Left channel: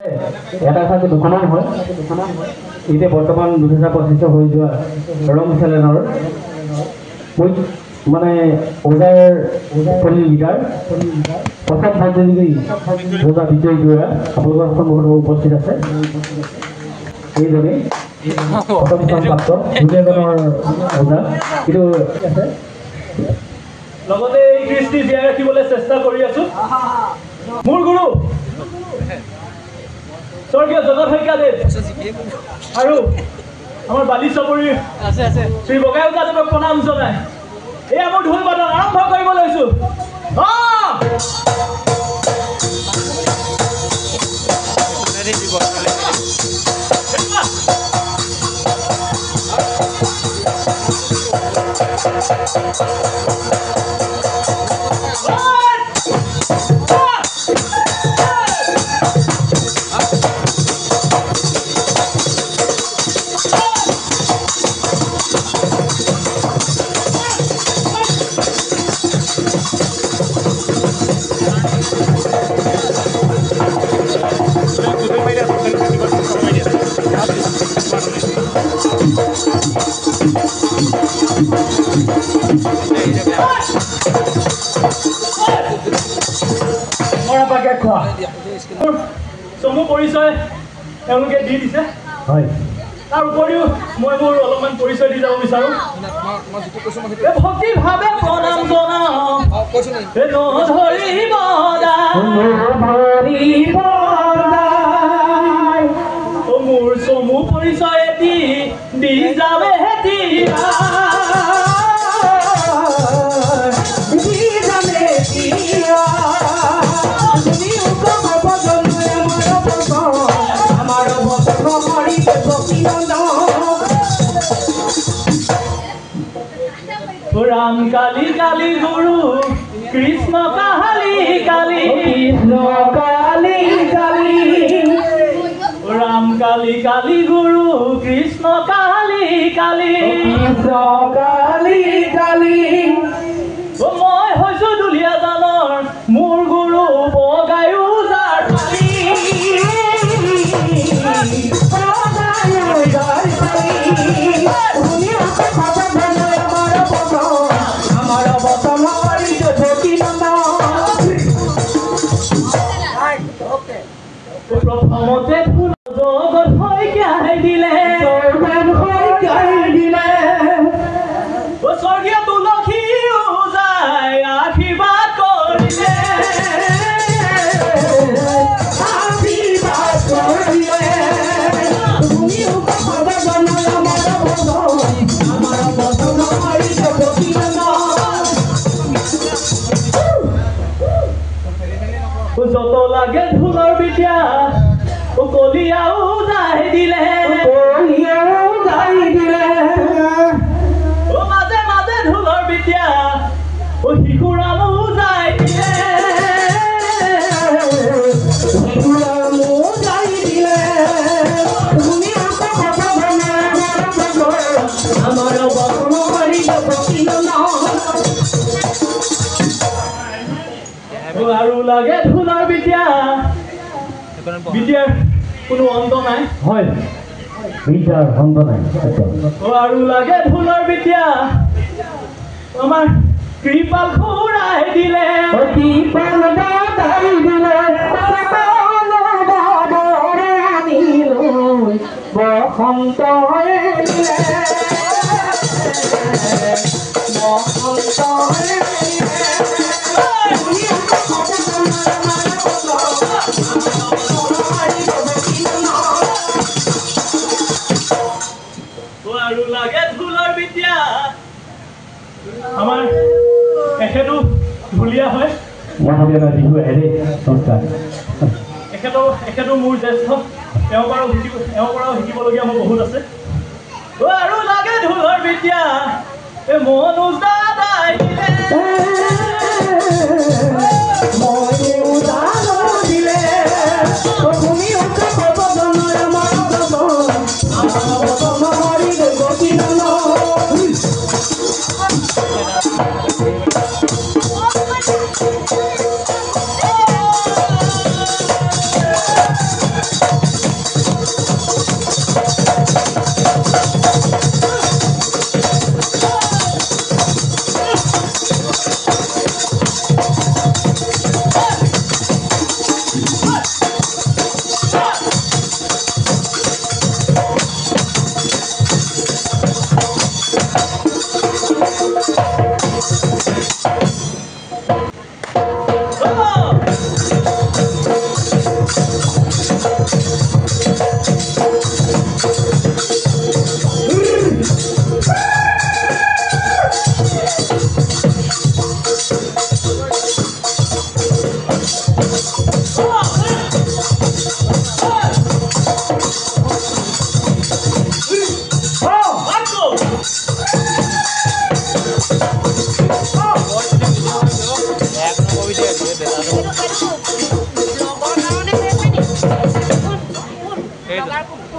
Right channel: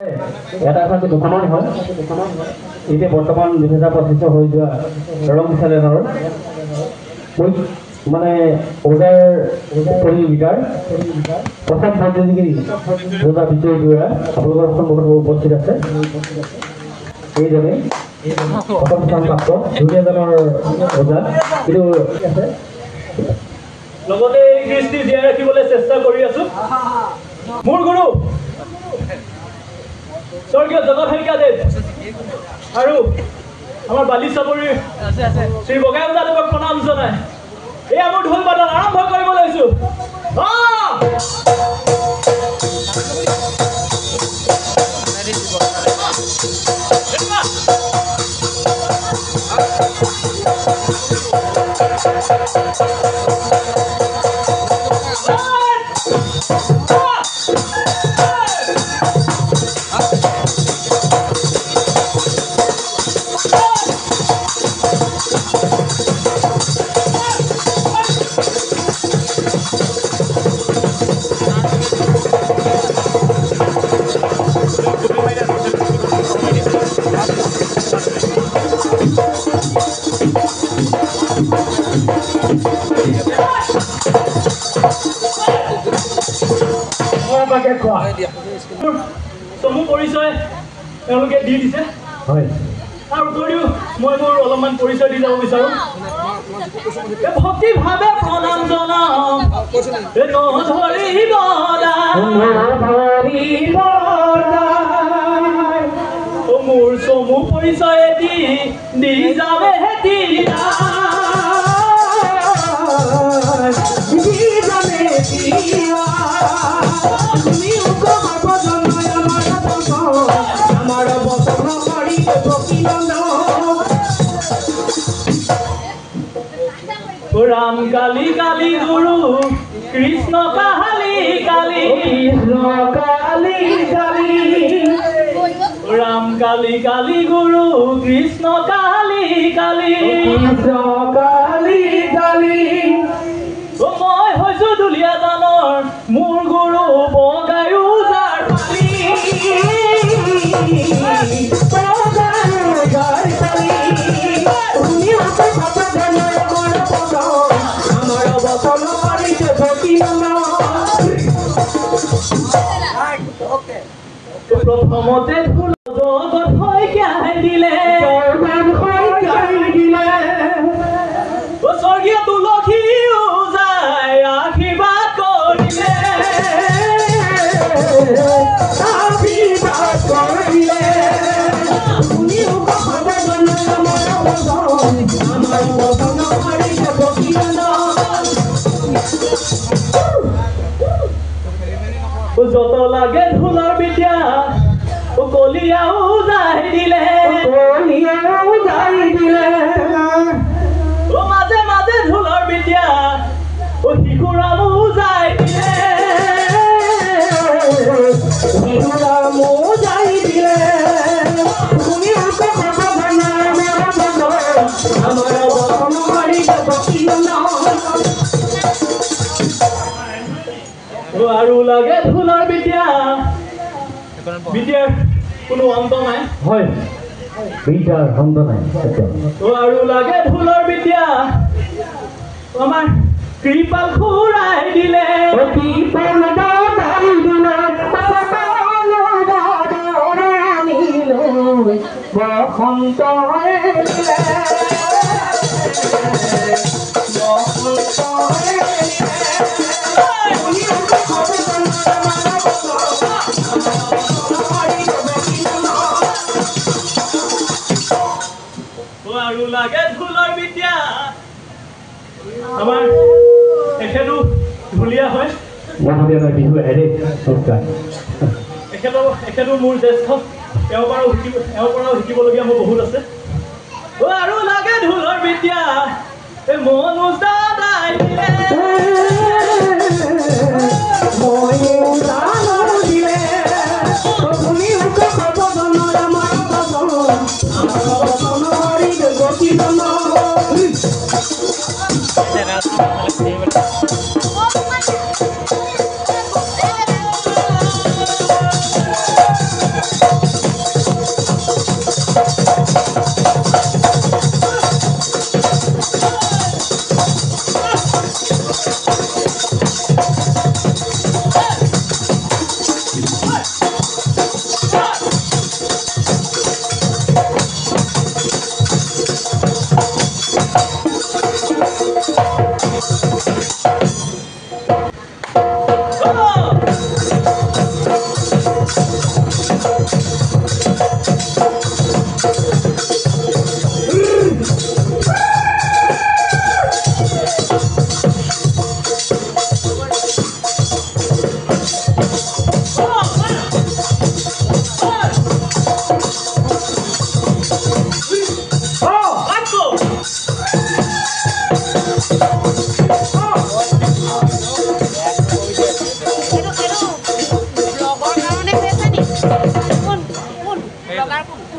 এটা আছে দুখনমান হয় এতিয়া বৰ্তমান 2025 হৈ যোৱা ৰং চেলেনৰ মানে ওজাৰ পলি লিডাৰ প্ৰসাদ ভাগ্যগিৰি ওজা বিজয় দুৰা আপোনালোকৰ সন্মুখত উপস্থিত আছে এইজনে প্ৰথম স্থান প্ৰাপ্ত দুজনৰ ওজা কিন্তু আছে লগতে এই কৃষ্টি জীয়াই ৰাখিবলৈ চেষ্টা কৰি আছো মোৰ গুৰু স্বৰ্গীয় জগত শইকীয়াদেৱ আৰু আমাৰ বালিচাপৰিৰ শ্ৰী বগাইউজাদেৱক প্ৰণাম জনাই এই আমাৰ ঢোল বাদন আৰম্ভ কৰিব লৈছো চমু পৰিচয় তেওঁলোকে দি দিছে হয় তাৰ উপৰিও মই মোৰ অলপমান পৰিচয় দি যাব বিচাৰো ভক্তিভাৱে প্ৰণাম জনাম মোৰ চমু পৰিচয় দি যাবে राम काली काली गुरु कृष्ण काली काली राम काली काली गुरु कृष्ण काली काली मैं হৈছো দুলিয়া জানৰ মোৰ গুৰু বগাইউজাৰ প্ৰথমতে ফুল জগত শইকীয়াই দিলে স্বৰ্গীয় তুলসী ওজাই আশীৰ্বাদ কৰিলে যত লাগে ঢোলৰ বিদ্যা কলিয়াও যাই দিলে মাজে মাজে ঢোলৰ বিদ্যা শিশুৰামো যাই দিলে আৰু লাগে ঢোলৰ বিদ্যা বিদ্যাৰ কোনো অন্ত নাই হয় বিদ্যাৰ অন্ত নাই আৰু লাগে ঢোলৰ বিদ্যা আমাৰ কৃপাল খুৰাই দিলে বসন্ত আৰু লাগে ঢোলৰ বিদ্যা আমাৰ এখেতো ঢুলীয়া হয় এখেতো মোৰ জ্যেষ্ঠ তেওঁৰ পৰাও শিকিবলগীয়া মোৰ বহুত আছে আৰু লাগে ঢোলৰ বিদ্যা মনোজ দাদাই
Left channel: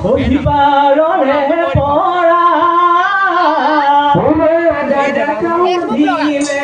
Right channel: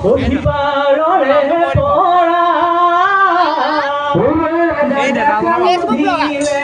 অধিবাৰৰে পৰা দিলে